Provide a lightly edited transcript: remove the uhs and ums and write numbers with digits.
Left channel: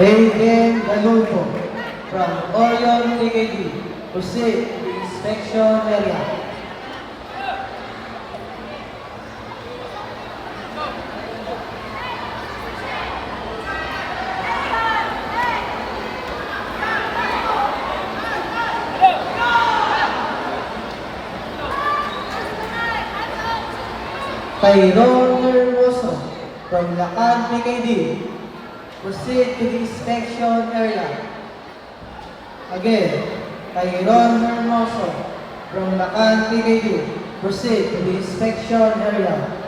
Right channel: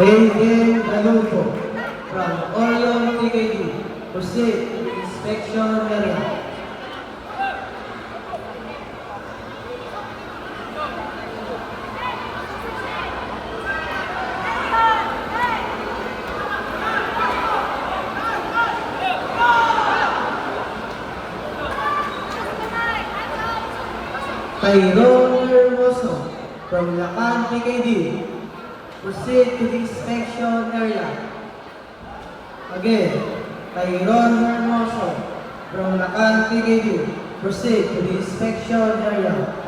Adrian Galulfo from Orion TKD. Proceed to the inspection area. Tyrone Hermoso from Lacan PKD. Proceed to the inspection area. Again, Tyrone Hermoso from Lacan PKD. Proceed to the inspection area.